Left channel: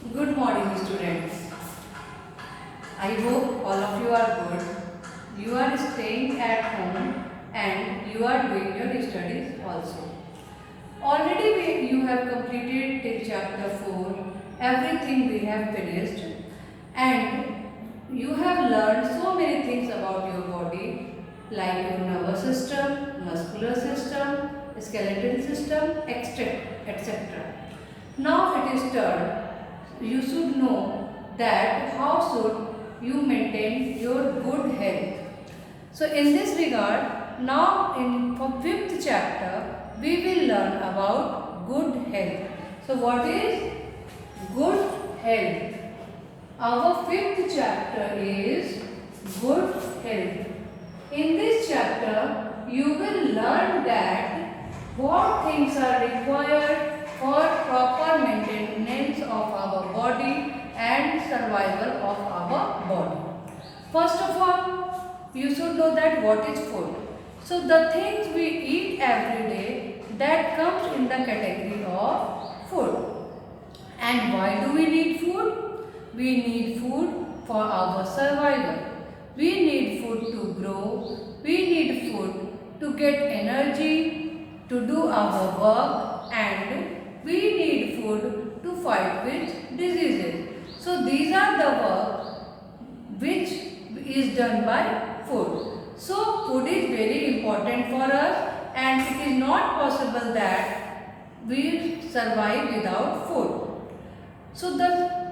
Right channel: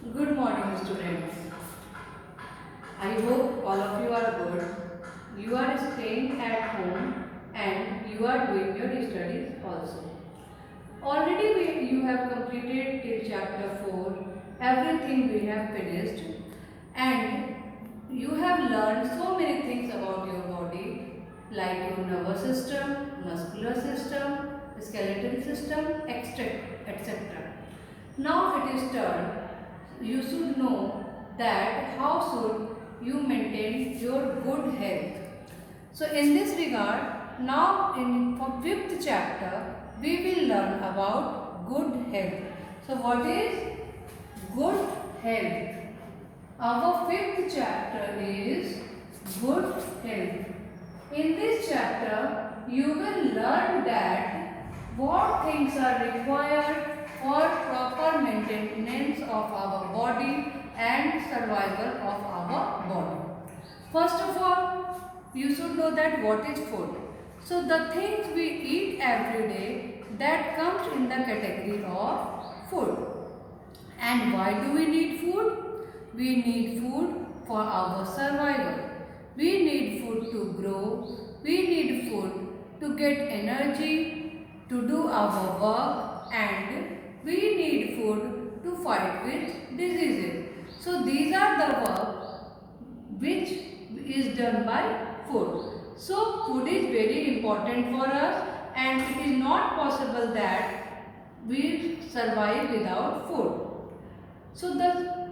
Good morning, students. I hope all of you are good. You are staying at home and you are doing your studies also. Already you have completed till chapter 4. Everything we have finished and you have learned so many things about your body like your nervous system, muscular system, skeletal system, etc. Now it is turn. You should know that how should you maintain your good health. So in this regard, now in fifth chapter, we will learn about good health. So what is good health? Our fifth chapter is good health. In this chapter, you will learn that what things are required for proper maintenance of our body and survival of our body. First of all, you should know that what is food. So the things we eat every day, that comes in the category of food. And why do we need food? We need food for our survival. We need food to grow. We need food to get energy, to do our work, and we need food to fight with diseases. So these are the work which is done by food. So food is very important for us and it is not possible that we survive without food. So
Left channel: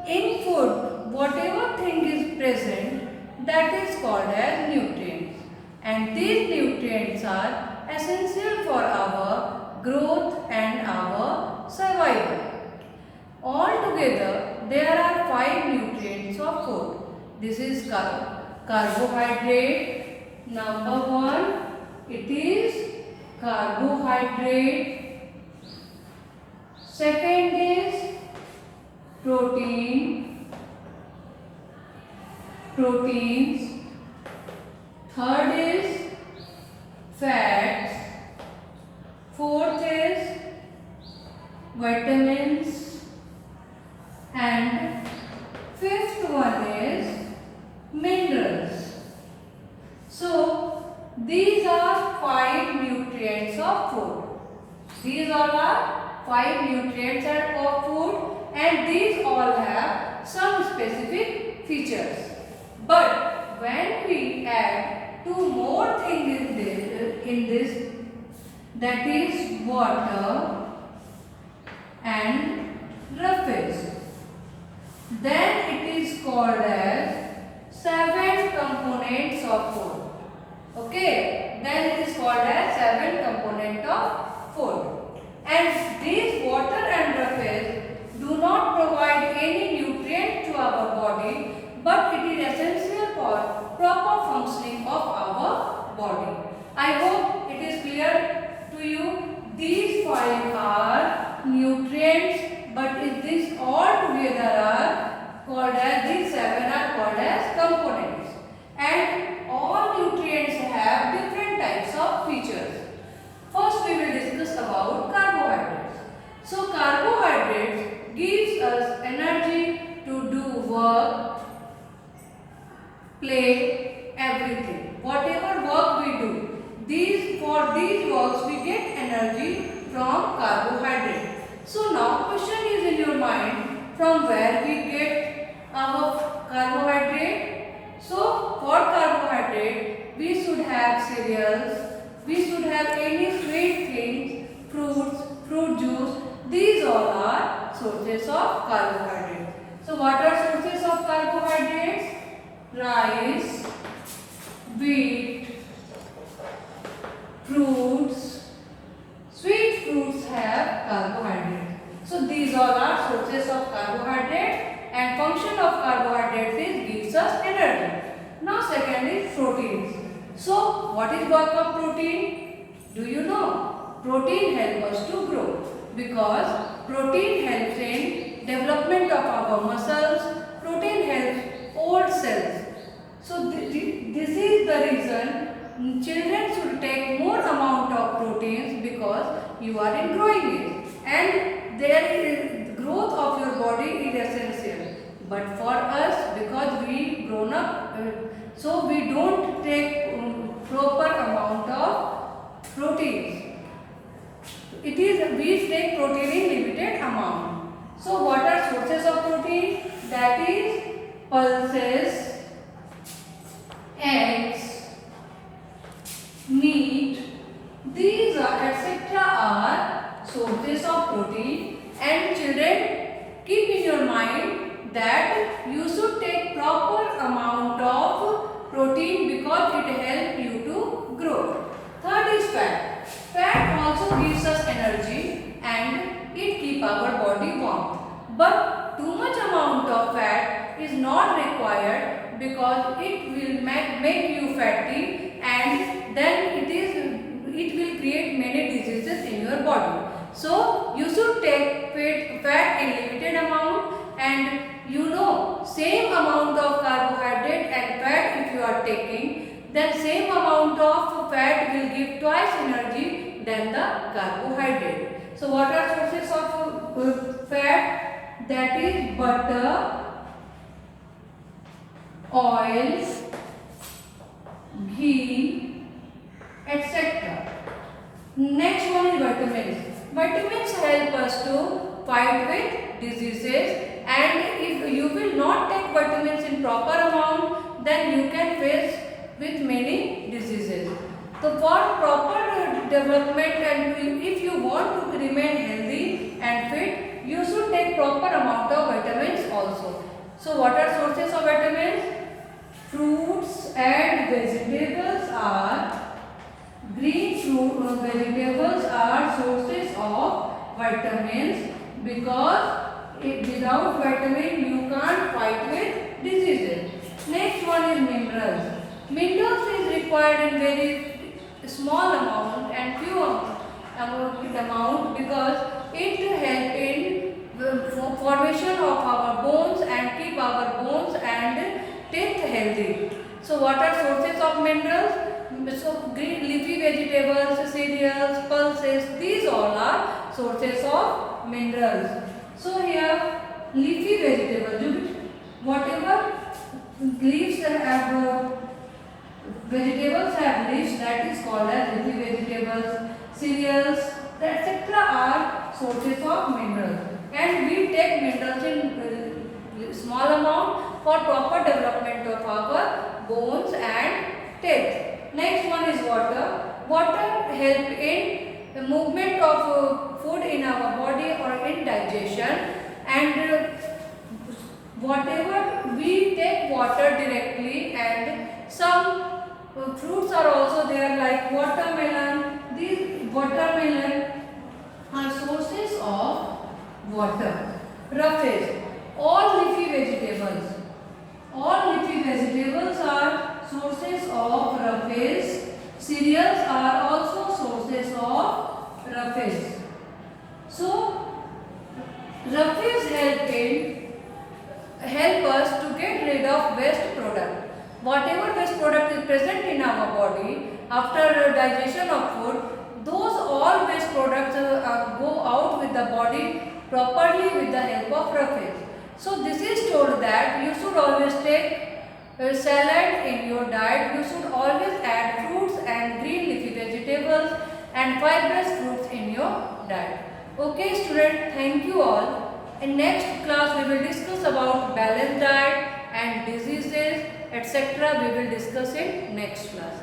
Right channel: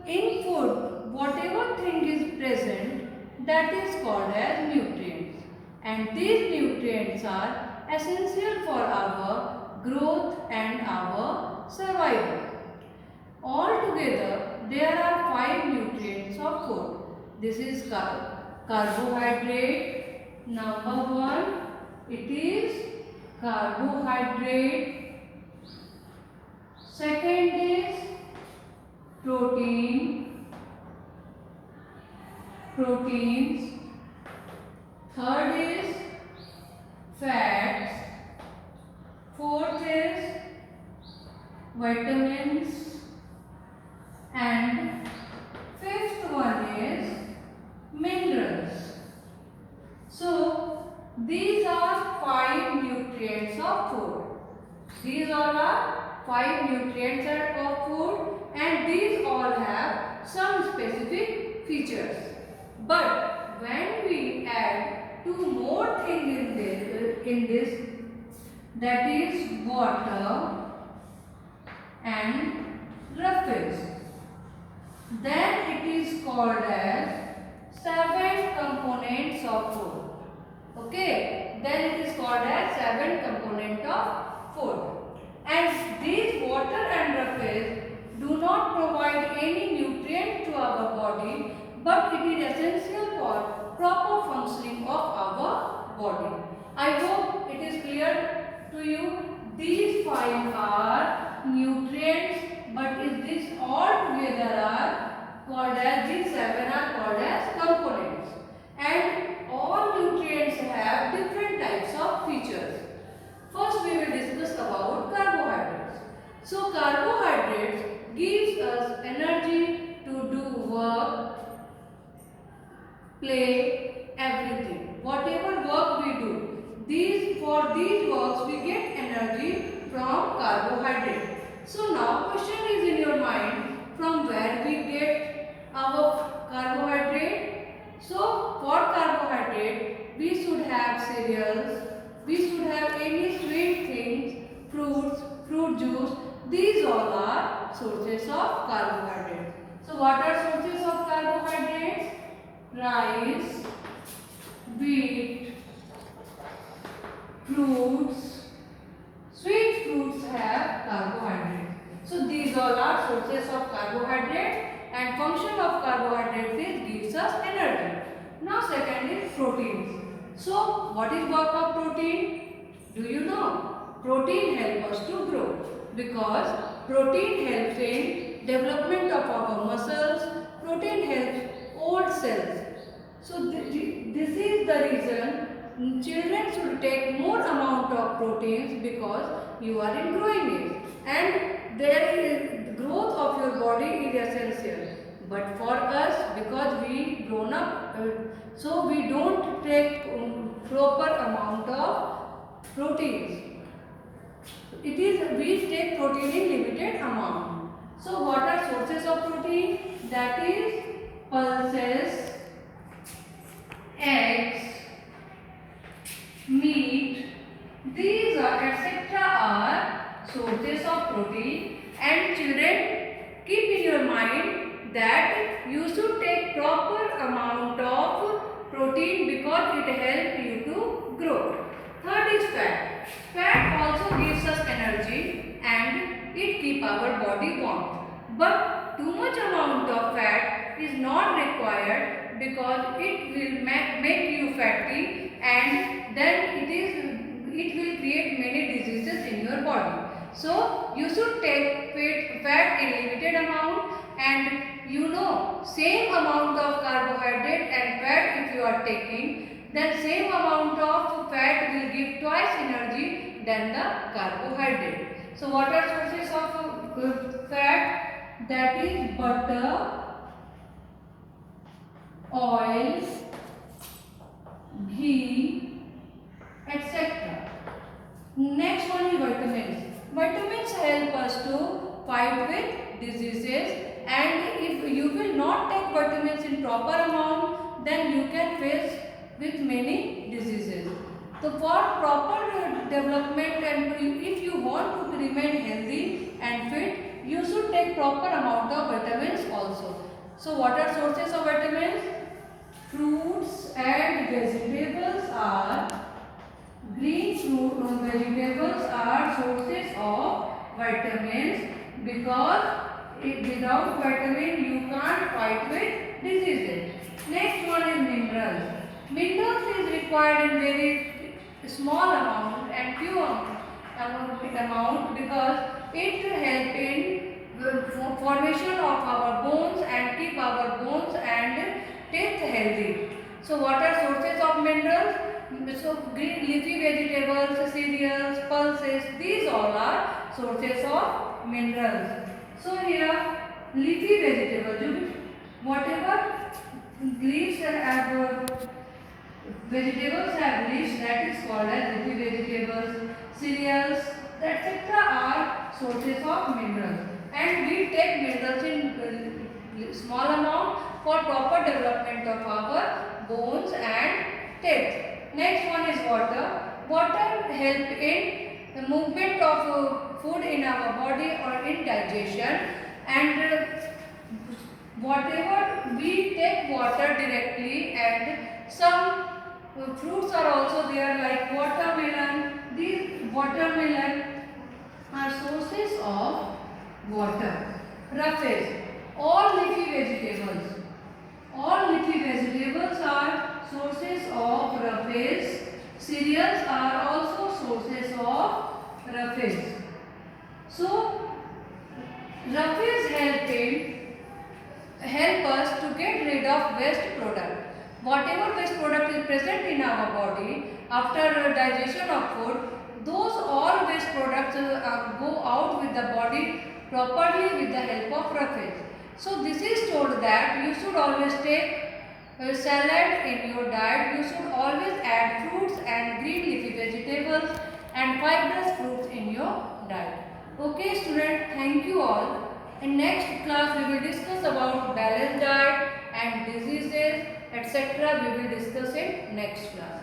in food, whatever thing is present, that is called as nutrients. And these nutrients are essential for our growth and our survival. Altogether, there are 5 nutrients of food. This is carbohydrate. Number 1, it is carbohydrate. Second is proteins. Third is fats. Fourth is vitamins. And fifth one is minerals. So these are 5 nutrients of food. These all are 5 nutrients of food and these all have some specific features. But when we add 2 more things in this, that is water and roughage, then it is called as 7 components of food. Okay, then it is called as 7 components of food. And these water and roughage do not provide any nutrient to our body, but it is essential for proper functioning of our body. I hope it is clear to you. These 5 are nutrients, but if these all together are called as, these 7 are called as components. And all nutrients have different types of features. First we will discuss about carbohydrates. So carbohydrates gives us energy to do work, play, everything. Whatever work we do, for these works we get energy from carbohydrate. So now question is in your mind, from where we get our carbohydrate? So for carbohydrate we should have cereals, we should have any sweet things, fruits, fruit juice. These all are sources of carbohydrate. So what are sources of carbohydrates? Rice, wheat, fruits. Sweet fruits have carbohydrate. So these all are sources of carbohydrate and function of carbohydrates is gives us energy. Now second is proteins. So what is work of protein? Do you know? Protein helps us to grow because protein helps in development of our muscles. Protein helps old cells. So this is the reason children should take more amount of proteins because you are in growing age and there is growth of your body is essential But for us, because we grown up, so we don't take proper amount of proteins. It is we take protein in limited amount. So what are sources of protein? That is pulses, eggs, meat. These are etc. are sources of protein. And children, keep in your mind that you should take proper amount of protein because it helps you to grow. Third is fat. Fat also gives us energy and it keeps our body warm. But too much amount of fat is not required because it will make you fatty, and then it will create many diseases in your body. So you should take fat in limited amount, and same amount of carbohydrate and fat if you are taking, then same amount of fat will give twice energy than the carbohydrate. So what are sources of fat? That is butter, oil, ghee, etc. Next one is vitamins. Vitamins help us to fight with diseases, and if you will not take vitamins in proper amount, then you can face with many diseases. So for proper development, and if you want to remain healthy and fit, you should take proper amount of vitamins also. So what are sources of vitamins? Fruits and vegetables are vegetables are sources of vitamins, because without vitamin you can't fight with diseases. Next one is minerals. Minerals is required in very small amount and few amount because it help in the formation of our bones and keep our bones and teeth healthy. So what are sources of minerals? So green leafy vegetables, cereals, pulses, these all are sources of minerals. So here leafy vegetables, whatever leaves have vegetables have leaves, that is called as leafy vegetables. Cereals, etc. are sources of minerals, and we take minerals in small amount for proper development of our bones and teeth. Next one is water. Water help in the movement of food in our body or in digestion, and whatever we take water directly, and some fruits are also there like watermelon. These watermelon are sources of water. Roughage. All leafy vegetables. All leafy vegetables are sources of roughage. Cereals are also sources of roughage. So roughage help us to get rid of waste product. Whatever waste product is present in our body after digestion of food, those all waste products go out with the body properly with the help of roughage. So this is told that you should always take salad in your diet. You should always add fruits and green leafy vegetables and fibrous fruits in your diet. Okay student, thank you all. In next class we will discuss about balanced diet and diseases, etc. We will discuss in next class.